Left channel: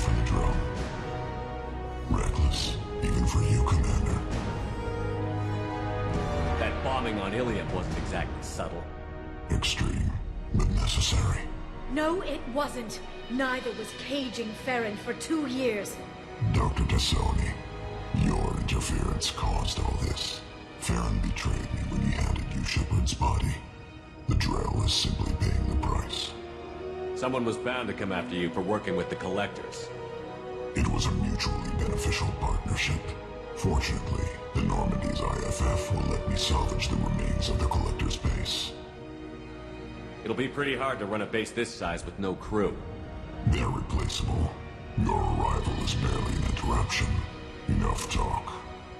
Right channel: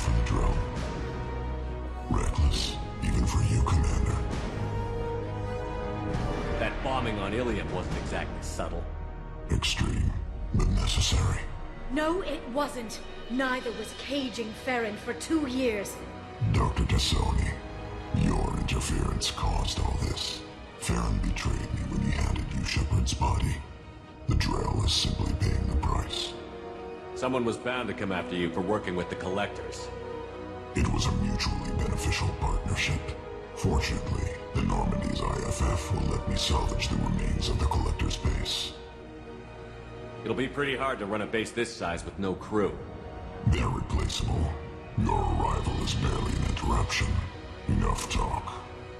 for the drone. Reckless, even for you, Commander. That bombing on Ilium wasn't exactly subtle. Extreme, but necessary. No, it wasn't. Neither was caging Farron for 2 years. Dr. Tassoni, your interference caused all this. Farron betrayed me when he handed you Shepard's body. The Drell is simply paying the price. Someone was bound to come after you for working with the Collectors. It was a mutually beneficial partnership. Fortunately, the Normandy's IFF will let me salvage the remains of the Collector's base. It'll be pretty hard to run a base this size with no crew. They're replaceable. Your arrival is barely an interruption. Enough talk.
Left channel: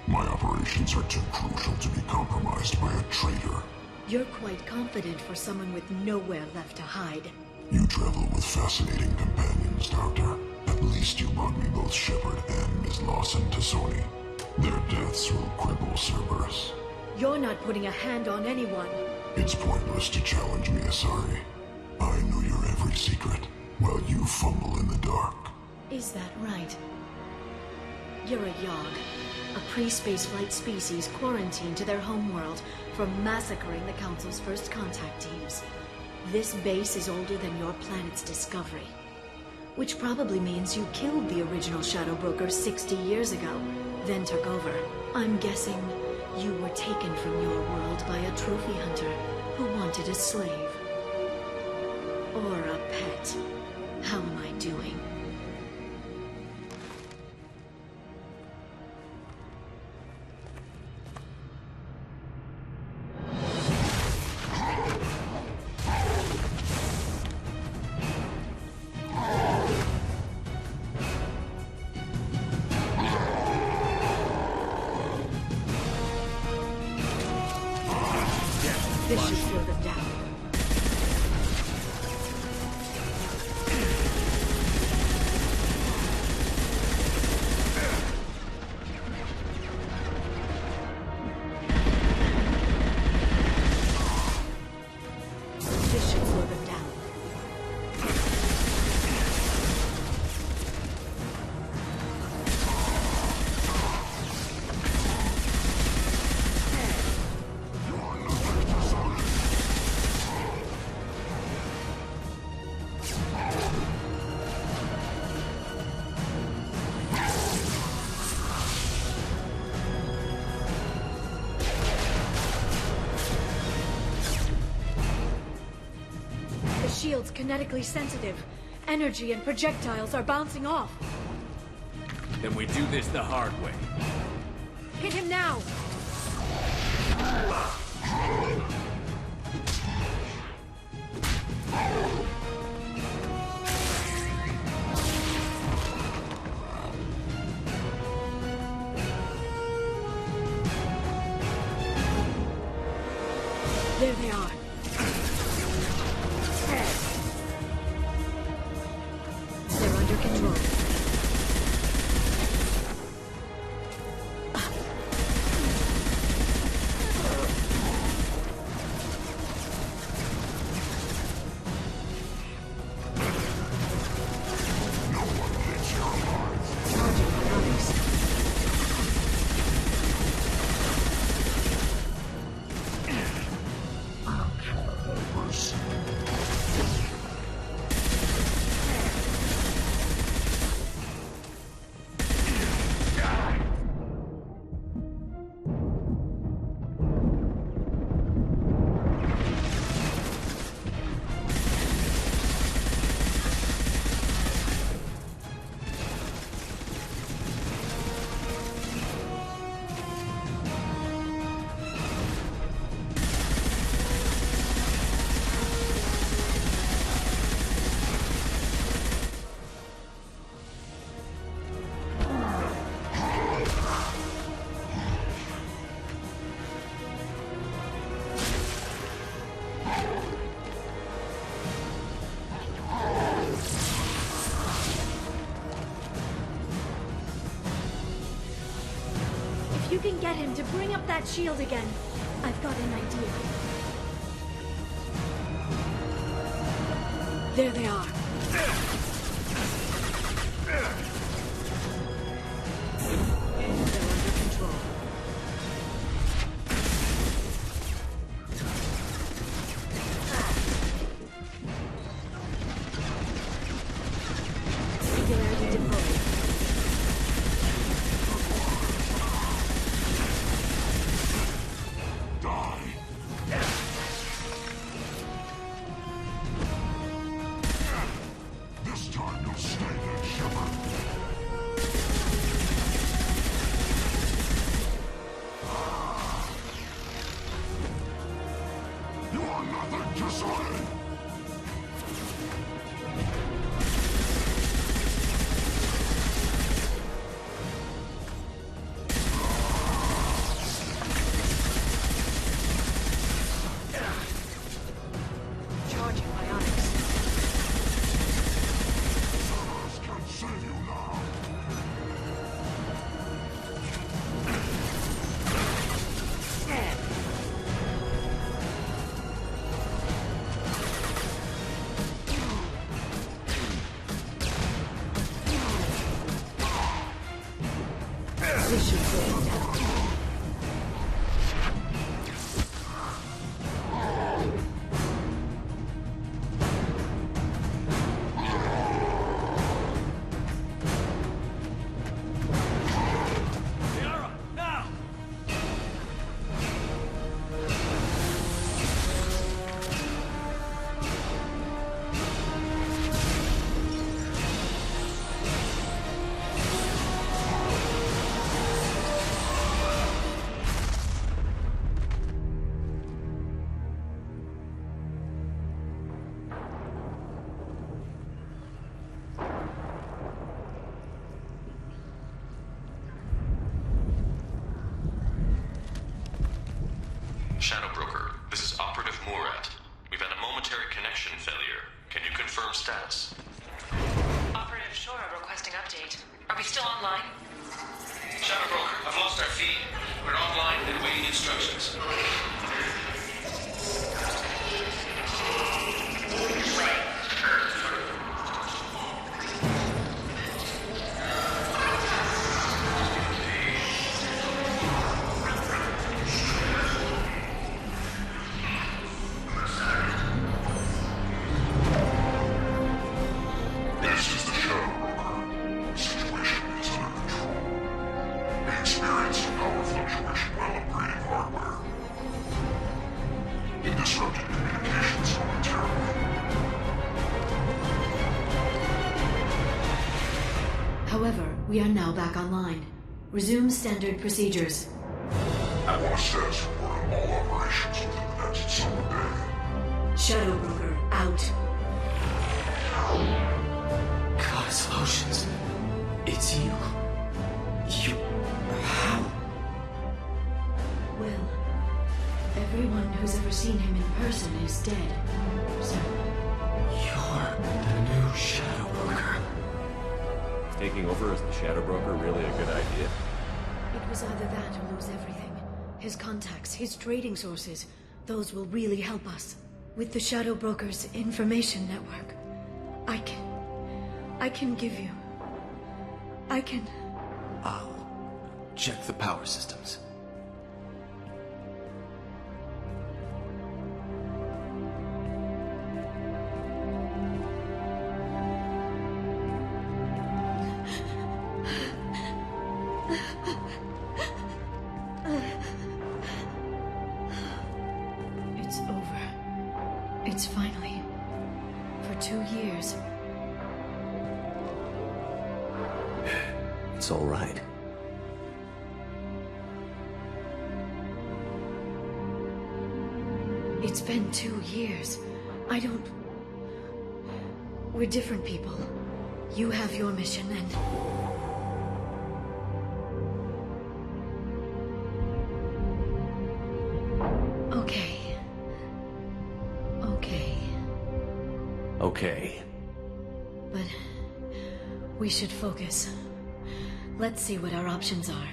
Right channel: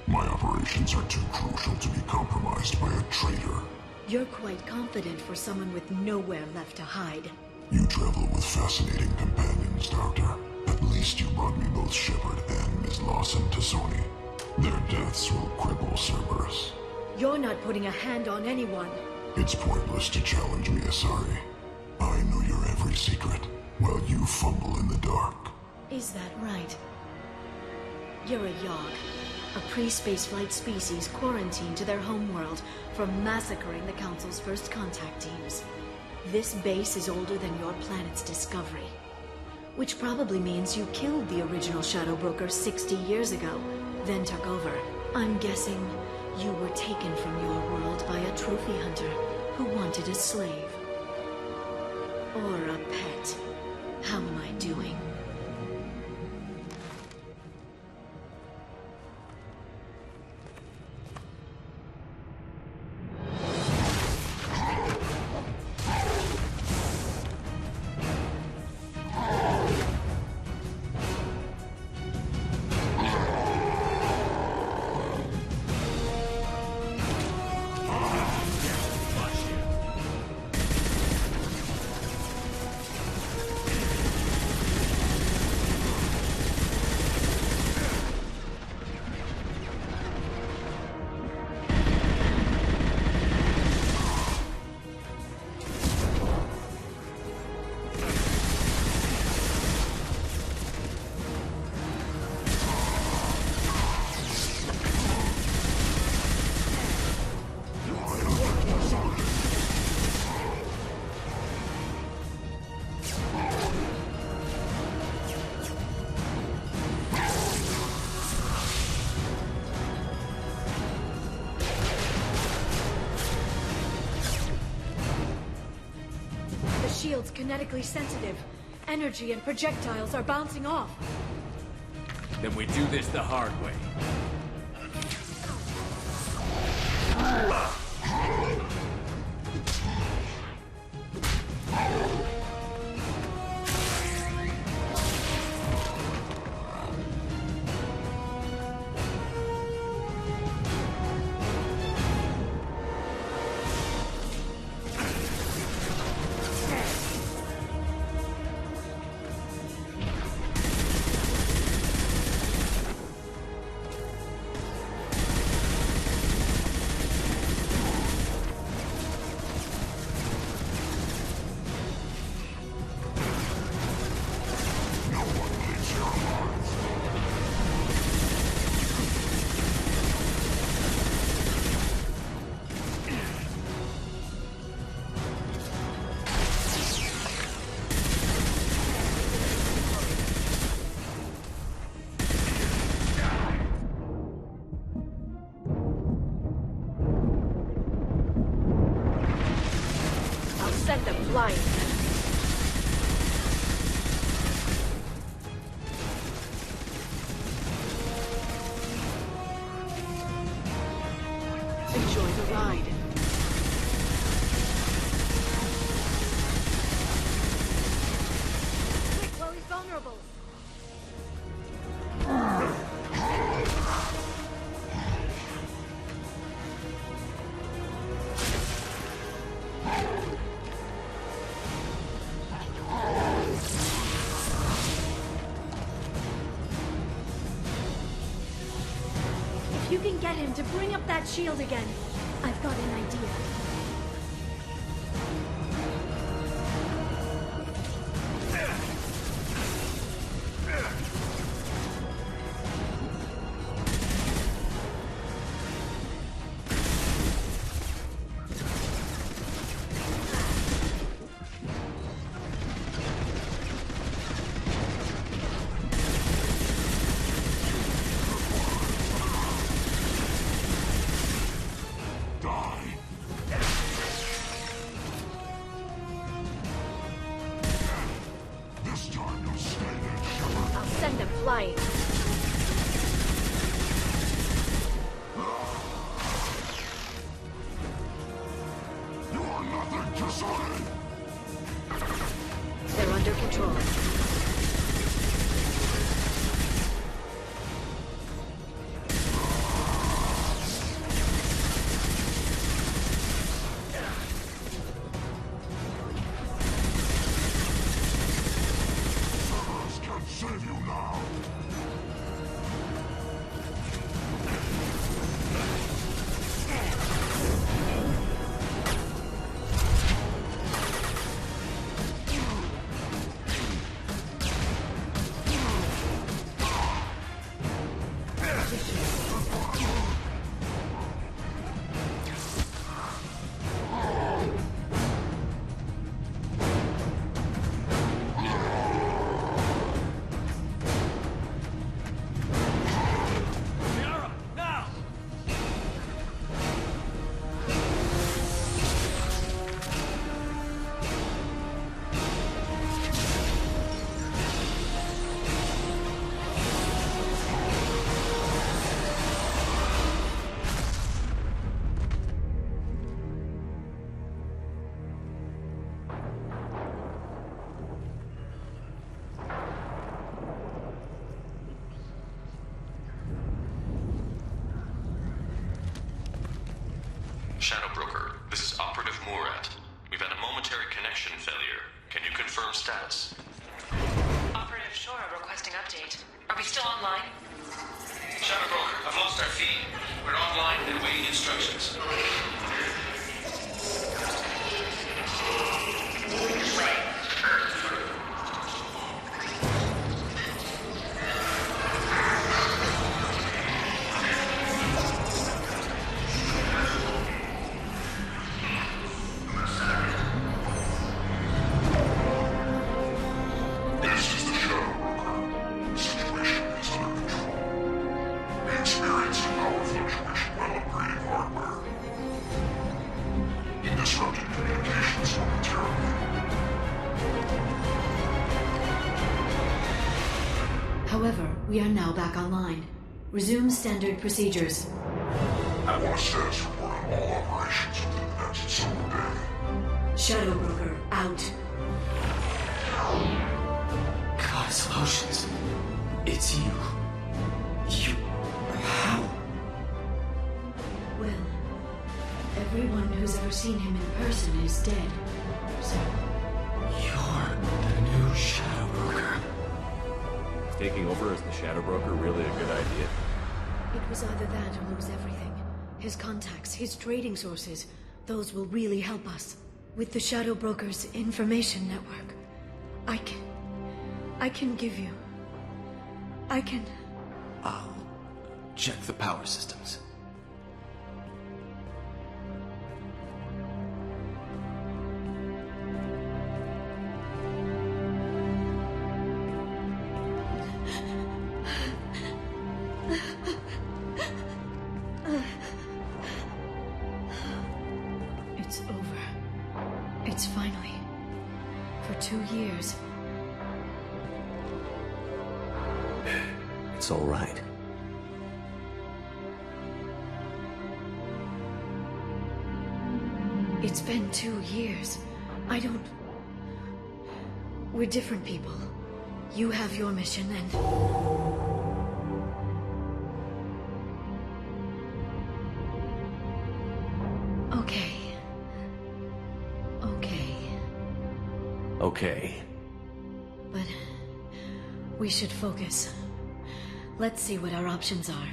My operations are too crucial to be compromised by a traitor. You're quite confident for someone with nowhere left to hide. You travel with fascinating companions, Doctor. At least you brought me both Shepard and Ms. Lawson Tassoni. Their deaths will cripple Cerberus. You're not putting a hand on anyone. It's pointless to challenge me, Asari. I know your every secret, while you fumble in the dark. Is that right? You're a Yogg, a pre-spaceflight species quarantined to their homeworld from massacring the Council's first contact teams. This base is older than your planet's discovery. Which probably means you killed the original Shadow Broker 60 years ago, then took over. I'm guessing you were taken from your world by a trophy hunter who wanted a slave. Or a pet. How am I doing? The shield's kinetically sensitive. Energy and projectiles are bouncing off. Then we do this the hard way. Hit him now! There they are. They're under control. You can get him to bring up that shield again. I've got an idea. There they are. Nothing to say! They're under control. Charging my arms. Cerberus can save you now! Shadow Broker, this is Operative Murat. We've had a momentary connection failure. Can you confirm status? Operative Shora requesting update. Are we still online? Shadow Broker, I've lost our feed. We're online and waiting instructions. This is the Shadow Broker. The situation is under control. We experienced a power fluctuation while upgrading hardware. It disrupted communications momentarily. However, we are now back online. Resume standard procedures. I want a status report on all operations within the next summer day. Shadow Broker, out. Goddess of Oceans. It's you. You... How? Well, everyone who's ever seen him in person is dead. So, You're the new Shadow Broker. Taking over as the Shadow Broker really a good idea? it was either that or lose everything. His contacts, his trading sources, those will really help us. With the Shadow Broker's information network, I can give you... I'll check the power systems. It's over. It's finally... For 2 years. It's all right. It's been 2 years. I don't... We're different people. You have your mission and... Okay. Okay. Okay. But... we should focus. Let's see what our options are.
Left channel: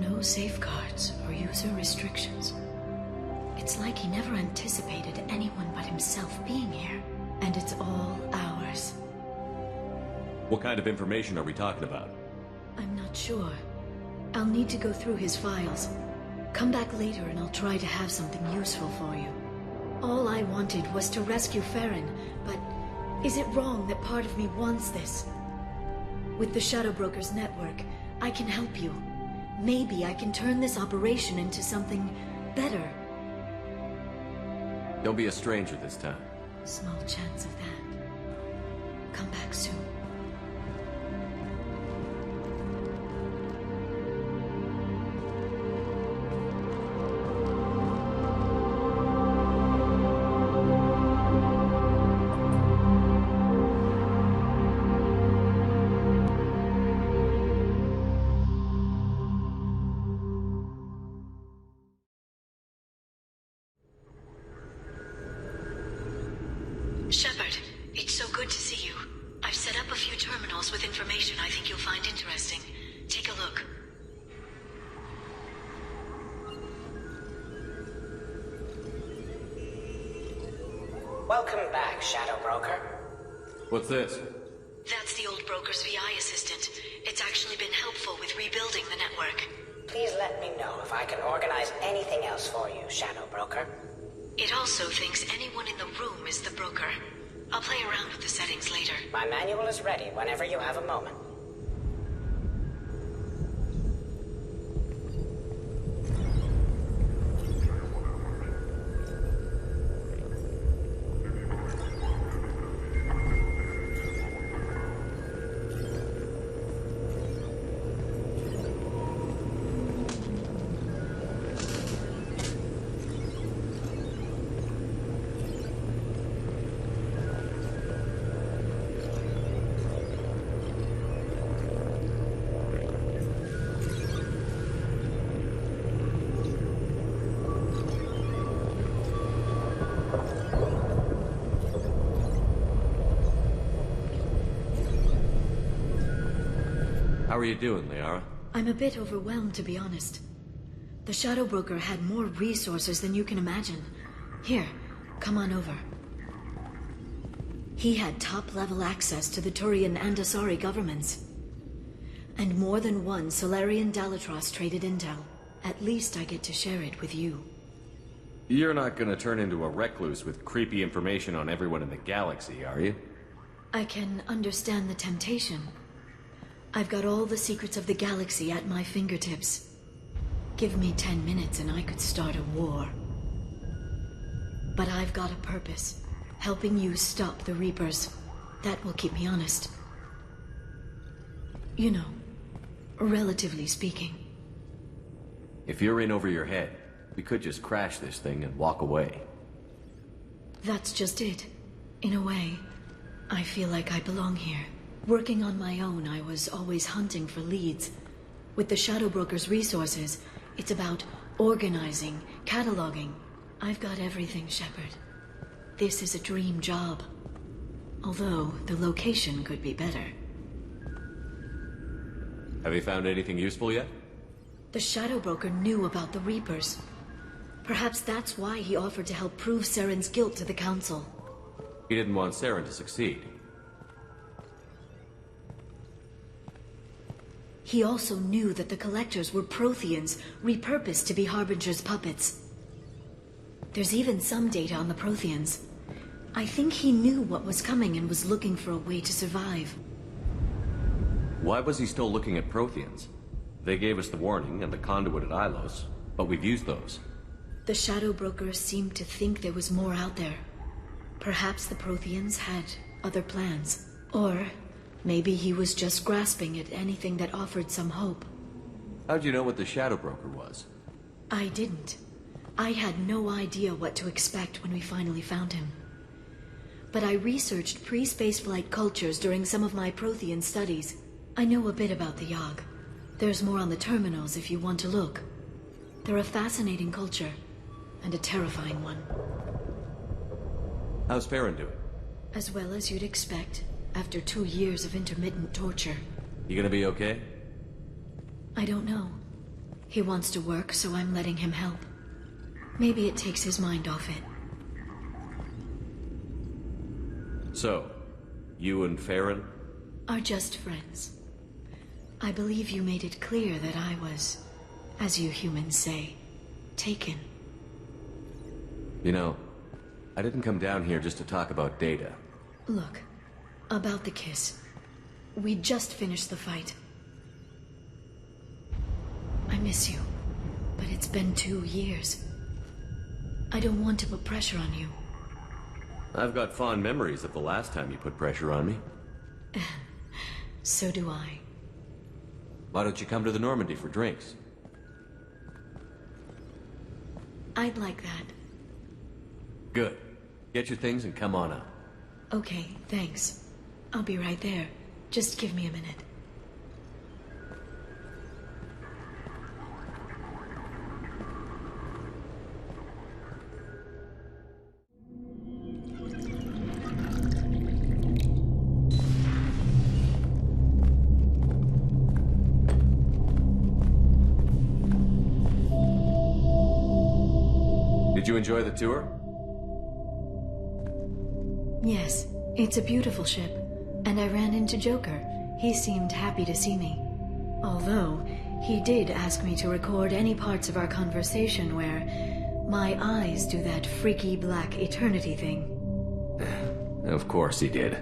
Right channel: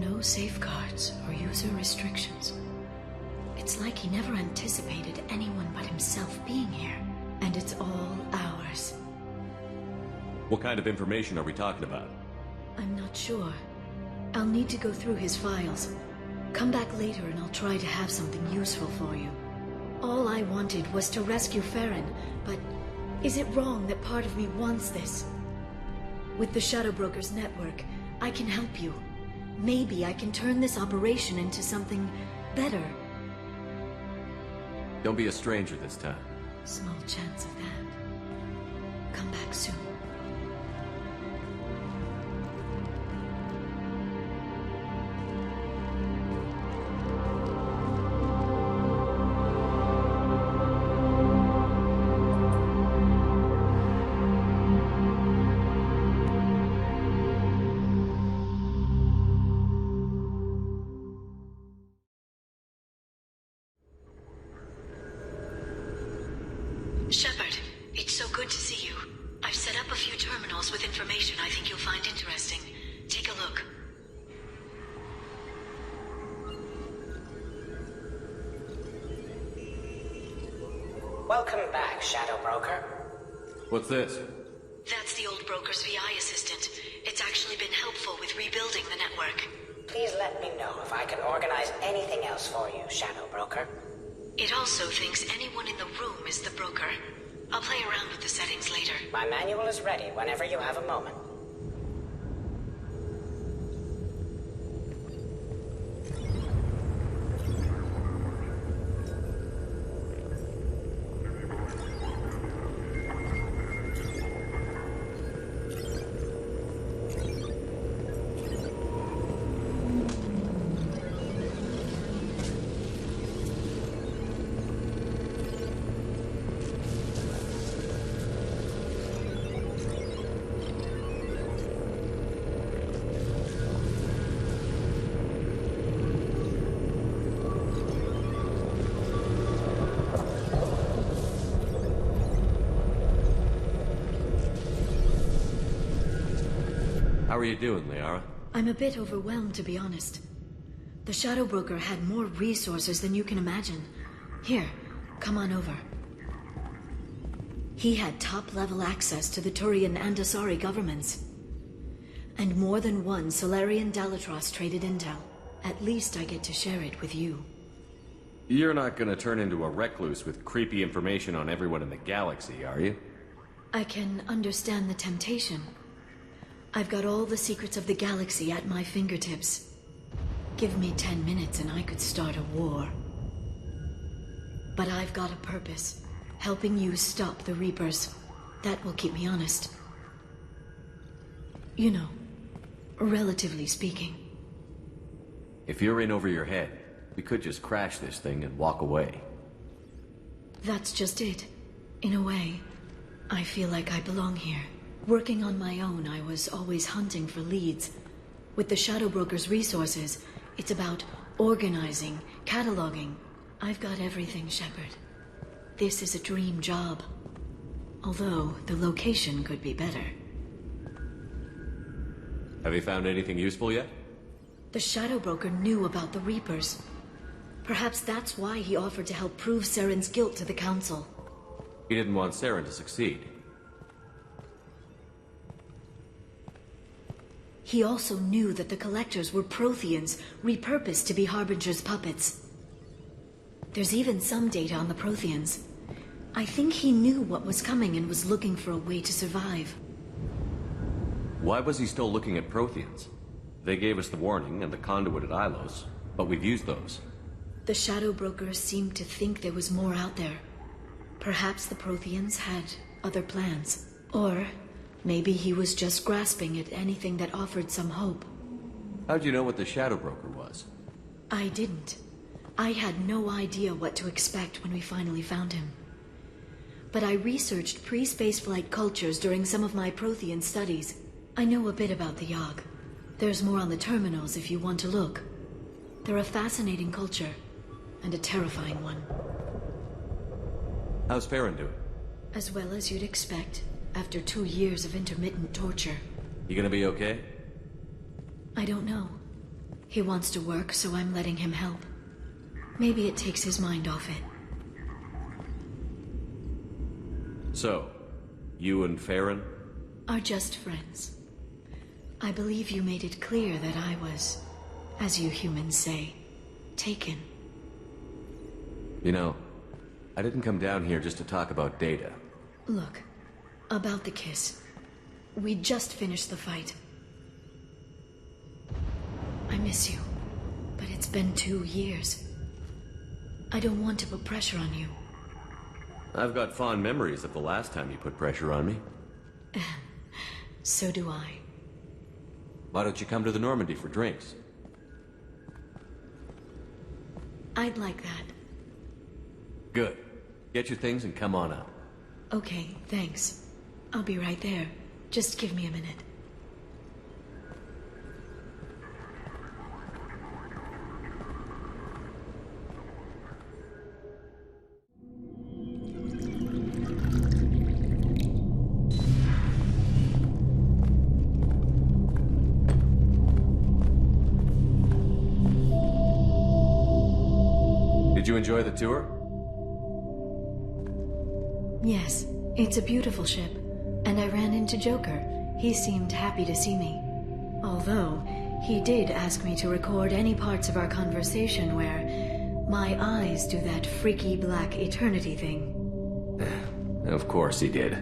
No safeguards or user restrictions. It's like he never anticipated anyone but himself being here. And it's all ours. What kind of information are we talking about? I'm not sure. I'll need to go through his files. Come back later and I'll try to have something useful for you. All I wanted was to rescue Farron, but is it wrong that part of me wants this? With the Shadow Broker's network, I can help you. Maybe I can turn this operation into something better. Don't be a stranger this time. Small chance of that. Come back soon. Shepard, it's so good to see you. I've set up a few terminals with information I think you'll find interesting. Take a look. Welcome back, Shadow Broker. What's this? That's the old broker's VI assistant. It's actually been helpful with rebuilding the network. Please let me know if I can organize anything else for you, Shadow Broker. It also thinks anyone in the room is the broker. I'll play around with the settings later. My manual is ready whenever you have a moment. How are you doing, Liara? I'm a bit overwhelmed, to be honest. The Shadow Broker had more resources than you can imagine. Here, come on over. He had top-level access to the Turian and Asari governments. And more than one Solarian Dalatros traded intel. At least I get to share it with you. You're not gonna turn into a recluse with creepy information on everyone in the galaxy, are you? I can understand the temptation. I've got all the secrets of the galaxy at my fingertips. Give me 10 minutes and I could start a war. But I've got a purpose. Helping you stop the Reapers. That will keep me honest. You know, relatively speaking. If you're in over your head, we could just crash this thing and walk away. That's just it. In a way, I feel like I belong here. Working on my own, I was always hunting for leads. With the Shadow Broker's resources, it's about organizing, cataloging. I've got everything, Shepard. This is a dream job. Although, the location could be better. Have you found anything useful yet? The Shadow Broker knew about the Reapers. Perhaps that's why he offered to help prove Saren's guilt to the Council. He didn't want Saren to succeed. He also knew that the Collectors were Protheans, repurposed to be Harbinger's puppets. There's even some data on the Protheans. I think he knew what was coming and was looking for a way to survive. Why was he still looking at Protheans? They gave us the warning and the conduit at Ilos, but we've used those. The Shadow Broker seemed to think there was more out there. Perhaps the Protheans had other plans. Or maybe he was just grasping at anything that offered some hope. How'd you know what the Shadow Broker was? I didn't. I had no idea what to expect when we finally found him. But I researched pre-spaceflight cultures during some of my Prothean studies. I know a bit about the Yogg. There's more on the terminals if you want to look. They're a fascinating culture, and a terrifying one. How's Farron doing? As well as you'd expect, after 2 years of intermittent torture. You gonna be okay? I don't know. He wants to work, so I'm letting him help. Maybe it takes his mind off it. So, you and Farron? Are just friends. I believe you made it clear that I was, as you humans say, taken. You know, I didn't come down here just to talk about data. Look, about the kiss. We just finished the fight. I miss you, but it's been 2 years. I don't want to put pressure on you. I've got fond memories of the last time you put pressure on me. So do I. Why don't you come to the Normandy for drinks? I'd like that. Good. Get your things and come on up. Okay, thanks. I'll be right there. Just give me a minute. Did you enjoy the tour? Yes, it's a beautiful ship. And I ran into Joker. He seemed happy to see me. Although, he did ask me to record any parts of our conversation where my eyes do that freaky black eternity thing. Of course he did.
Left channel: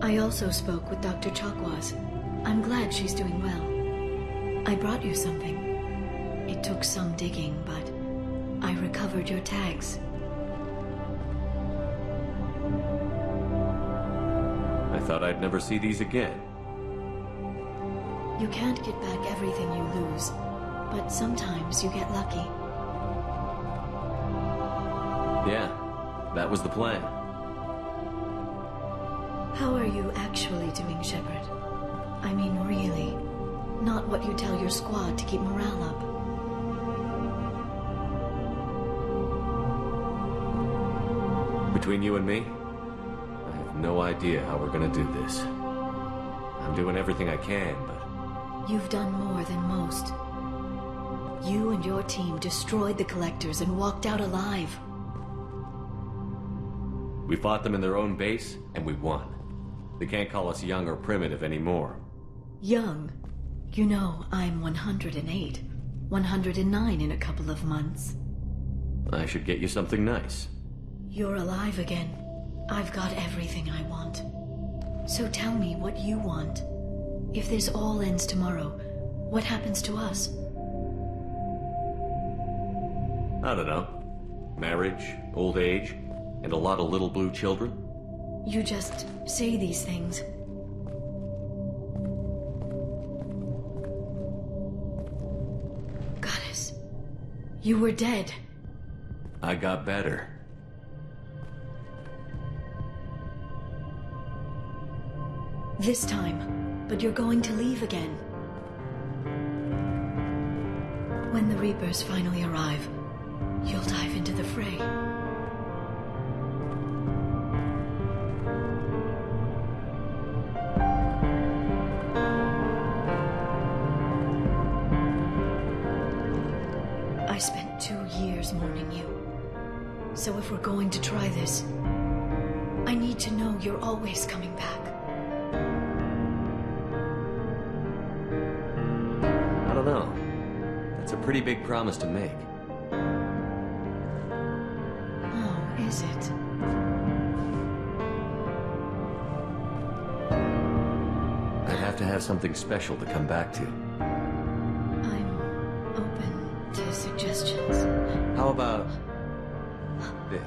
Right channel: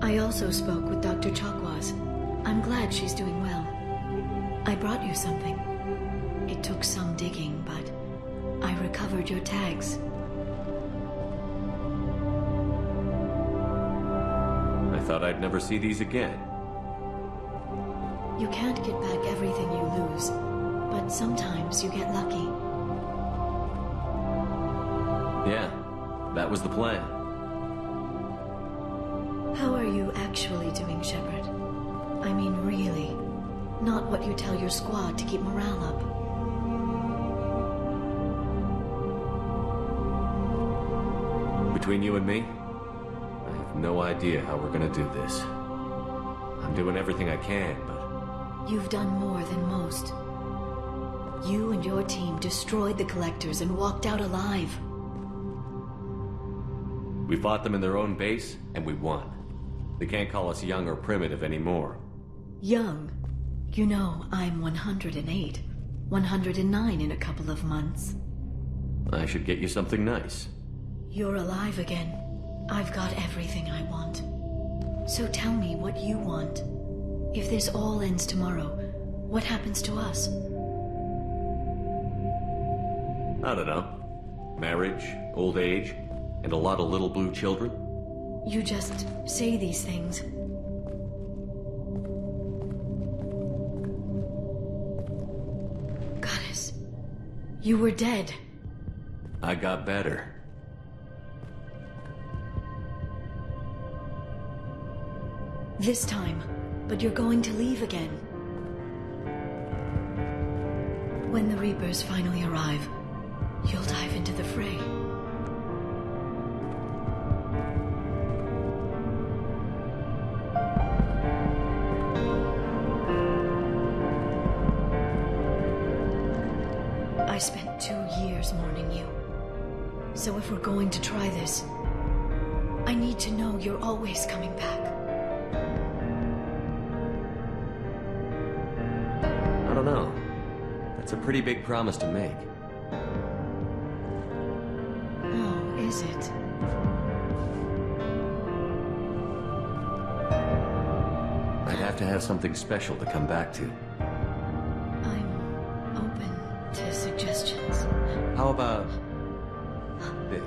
I also spoke with Dr. Chakwas. I'm glad she's doing well. I brought you something. It took some digging, but I recovered your tags. I thought I'd never see these again. You can't get back everything you lose, but sometimes you get lucky. Yeah, that was the plan. How are you actually doing, Shepard? I mean, really. Not what you tell your squad to keep morale up. Between you and me, I have no idea how we're gonna do this. I'm doing everything I can, but... You've done more than most. You and your team destroyed the Collectors and walked out alive. We fought them in their own base, and we won. They can't call us young or primitive anymore. Young? You know, I'm 108. 109 in a couple of months. I should get you something nice. You're alive again. I've got everything I want. So tell me what you want. If this all ends tomorrow, what happens to us? I don't know. Marriage, old age, and a lot of little blue children. You just say these things. Goddess, you were dead. I got better. This time, but you're going to leave again. When the Reapers finally arrive, you'll dive into the fray. I spent 2 years mourning you. So if we're going to try this, I need to know you're always coming back. I don't know. That's a pretty big promise to make. Oh, is it? I'd have to have something special to come back to. I'm open to suggestions. How about... this?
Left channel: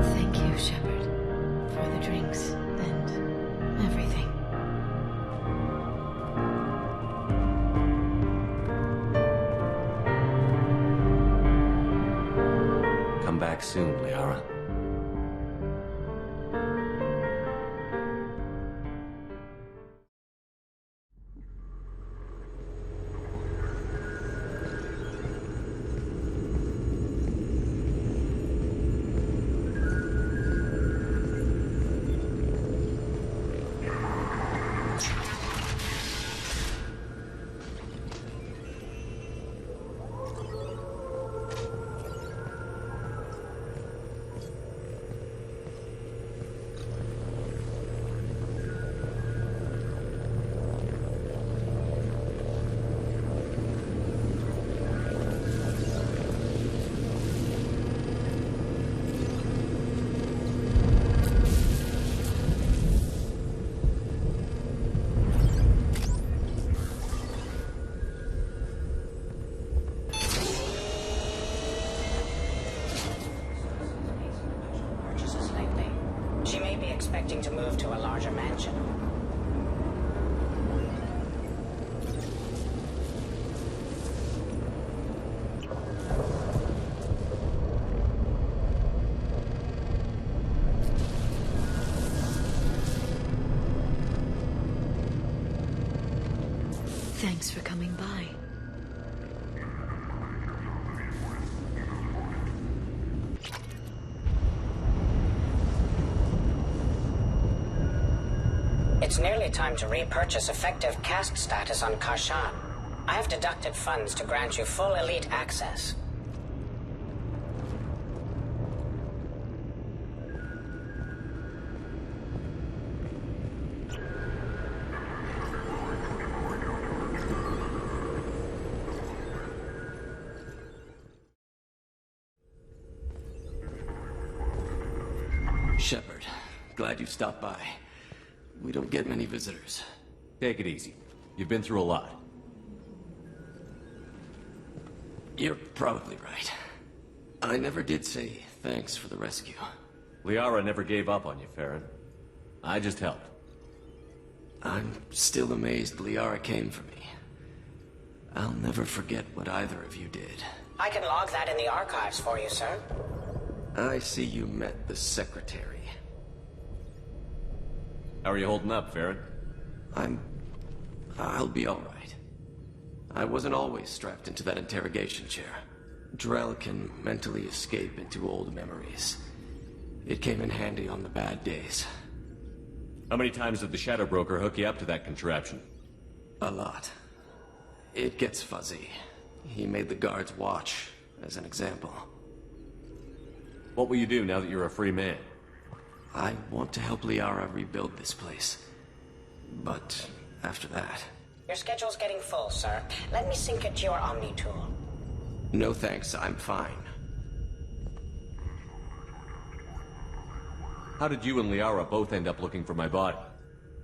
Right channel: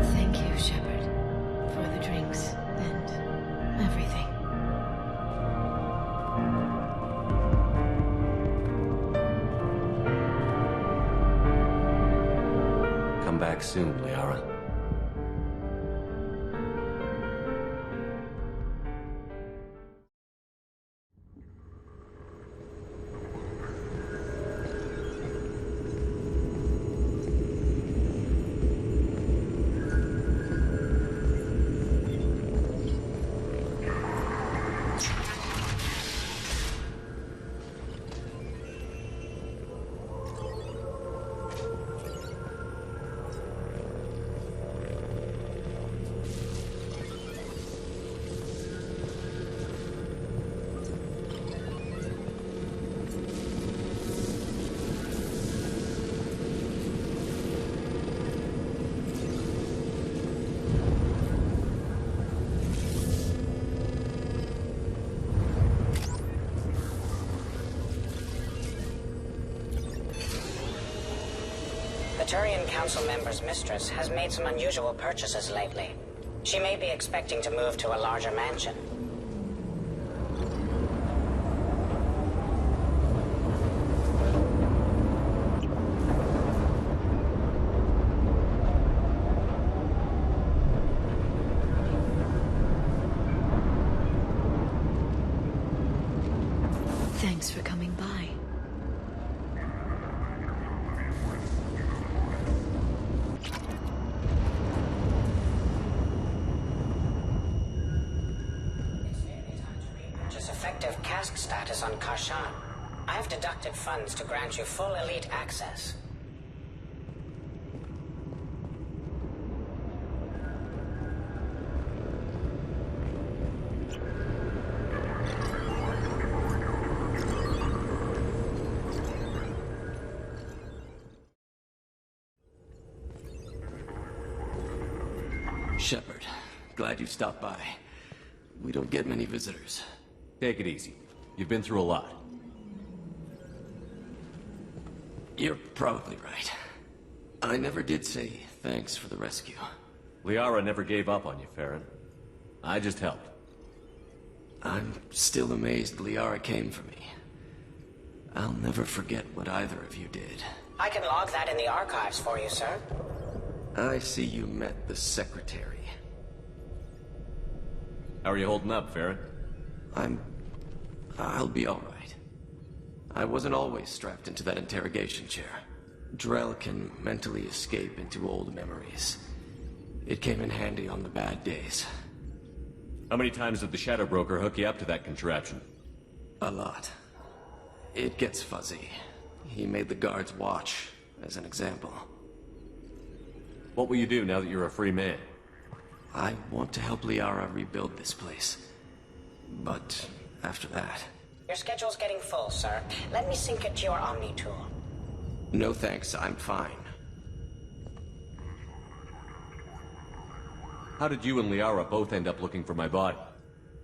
Thank you, Shepard, for the drinks and everything. Come back soon, Liara. Mistress has made some unusual purchases lately. She may be expecting to move to a larger mansion. Thanks for coming by. It's nearly time to repurchase effective caste status on Karshan. I have deducted funds to grant you full elite access. Shepard, glad you stopped by. We don't get many visitors. Take it easy. You've been through a lot. You're probably right. I never did say thanks for the rescue. Liara never gave up on you, Farron. I just helped. I'm still amazed Liara came for me. I'll never forget what either of you did. I can log that in the archives for you, sir. I see you met the Secretary. How are you holding up, Farron? I'll be all right. I wasn't always strapped into that interrogation chair. Drell can mentally escape into old memories. It came in handy on the bad days. How many times did the Shadow Broker hook you up to that contraption? A lot. It gets fuzzy. He made the guards watch, as an example. What will you do now that you're a free man? I want to help Liara rebuild this place. But after that... Your schedule's getting full, sir. Let me sync it to your Omni tool. No thanks, I'm fine. How did you and Liara both end up looking for my body?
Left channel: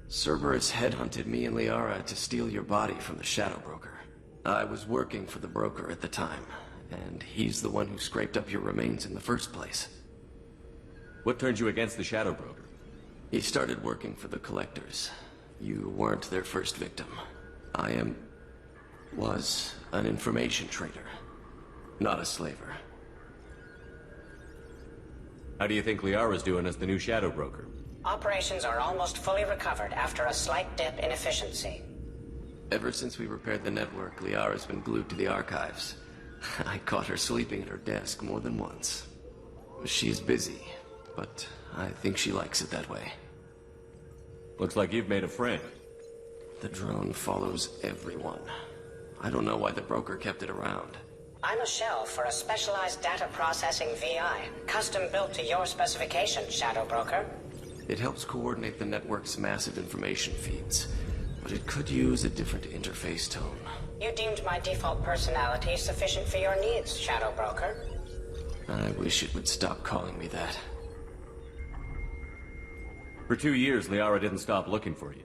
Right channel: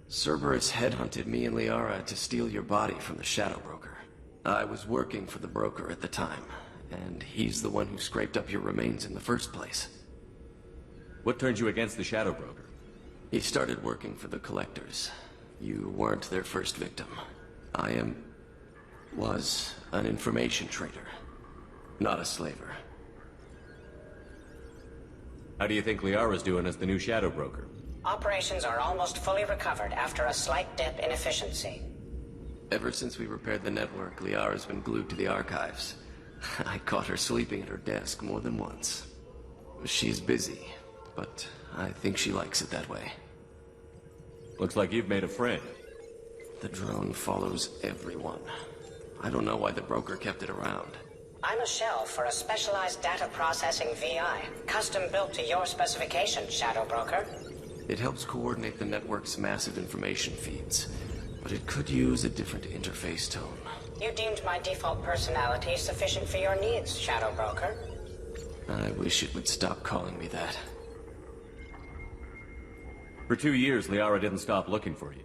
Cerberus headhunted me and Liara to steal your body from the Shadow Broker. I was working for the broker at the time, and he's the one who scraped up your remains in the first place. What turned you against the Shadow Broker? He started working for the Collectors. You weren't their first victim. was an information trader, not a slaver. How do you think Liara's doing as the new Shadow Broker? Operations are almost fully recovered after a slight dip in efficiency. Ever since we repaired the network, Liara's been glued to the archives. I caught her sleeping at her desk more than once. She's busy, but I think she likes it that way. Looks like you've made a friend. The drone follows everyone. I don't know why the broker kept it around. I'm a shell for a specialized data processing VI, custom built to your specification, Shadow Broker. It helps coordinate the network's massive information feeds, but it could use a different interface tone. You deemed my default personality sufficient for your needs, Shadow Broker. I wish it would stop calling me that. For 2 years, Liara didn't stop looking for you.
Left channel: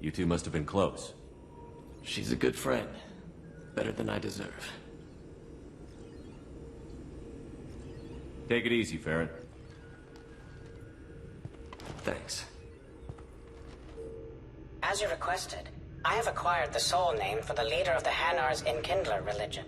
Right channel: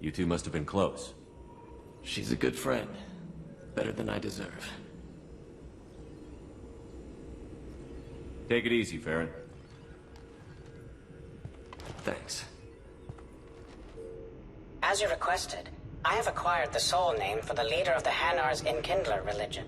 You two must have been close. She's a good friend. Better than I deserve. Take it easy, Farron. Thanks. As you requested, I have acquired the soul name for the leader of the Hanar's Enkindler religion.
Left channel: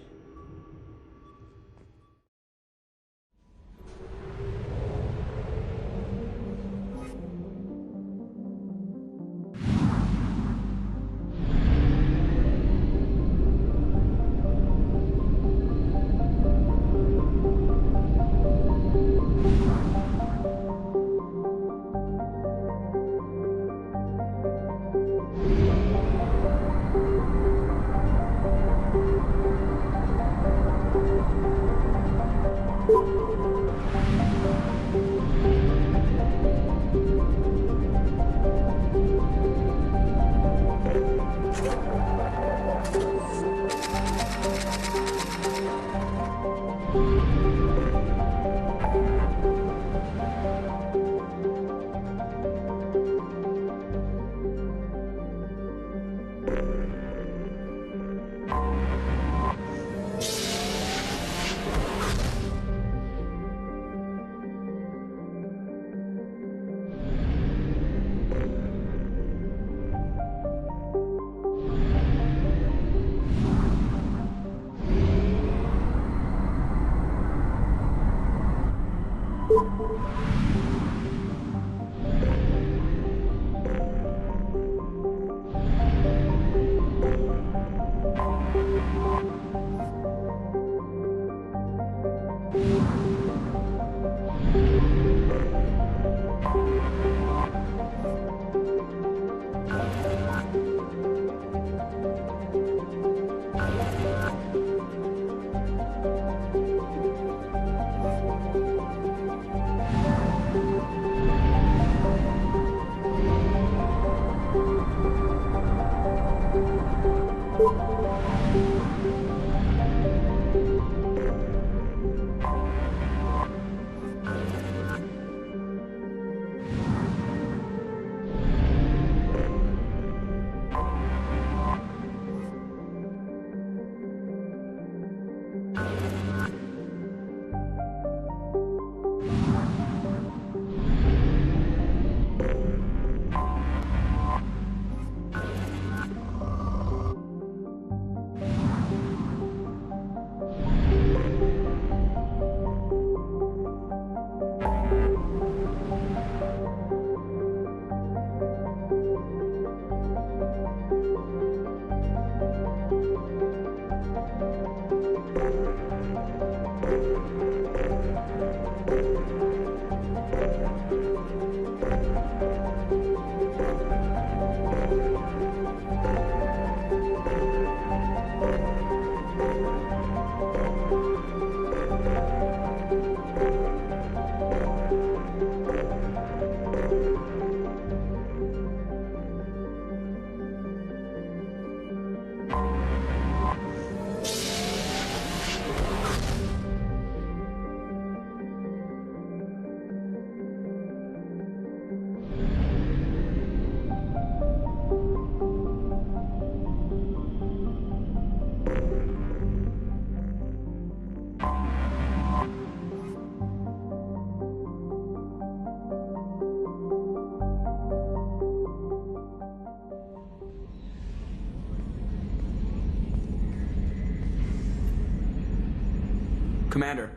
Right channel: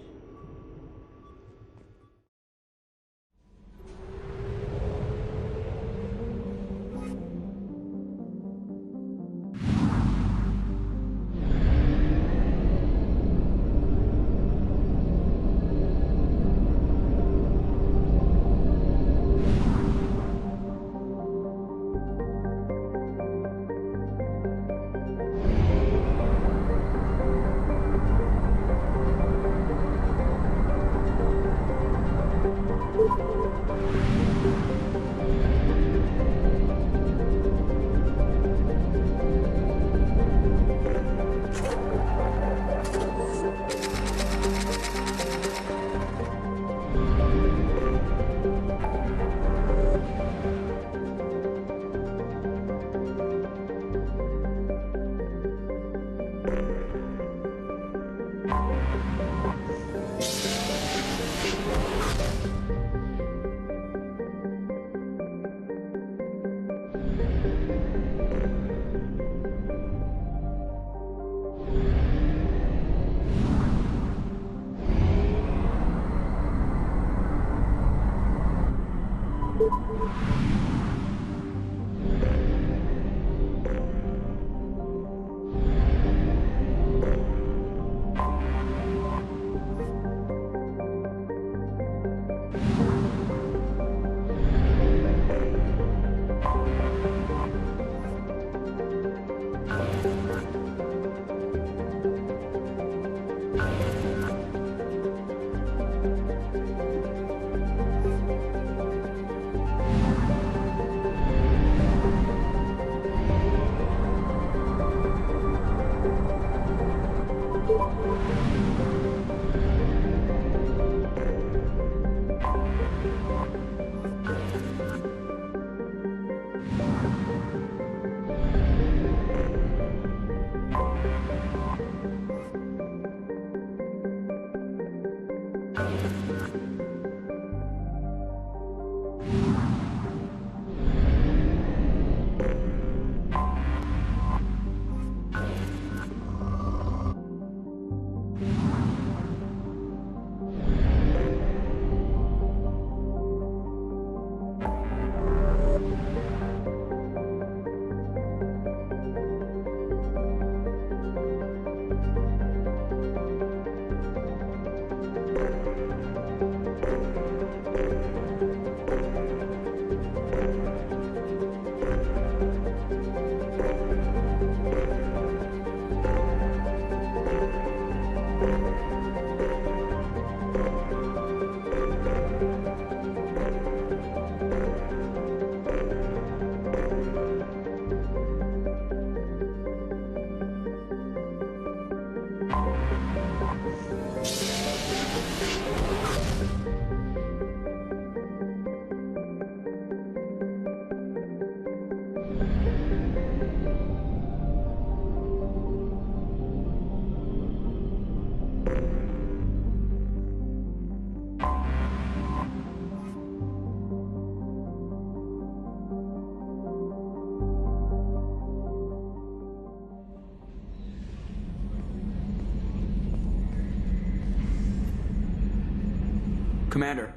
Commander.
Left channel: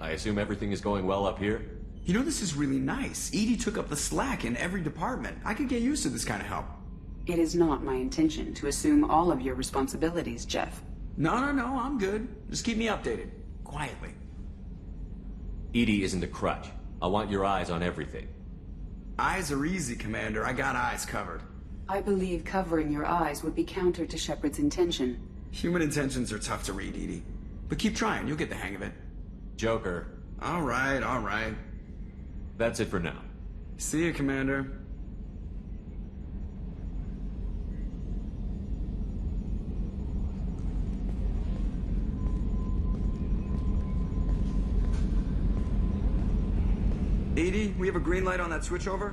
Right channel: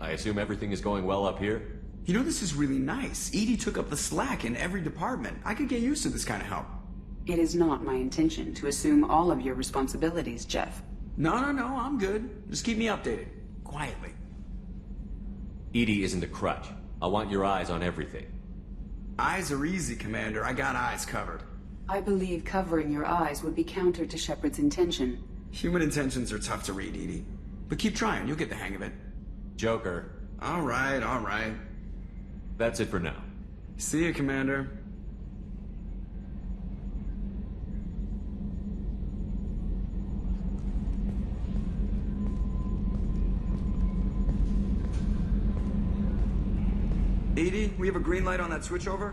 I assume everything is going well up here? You know, this is really nice. EDI took up the slack in every department. I could get used to this kind of help. It is not my intention to assume all of your responsibilities, Jeff. No, I'm good. Just keep me updated. Quietly. EDI isn't a crutch. I want your eyes on everything. Eyes are easy, Commander. I got eyes covered. I believe covering your eyes would be counter to Shepard's intention. Human intentions are tough to read, EDI. But keep trying, you'll get the hang of it. Joker. All right. That's it for now. See you, Commander. EDI, we have a green light on that switchover?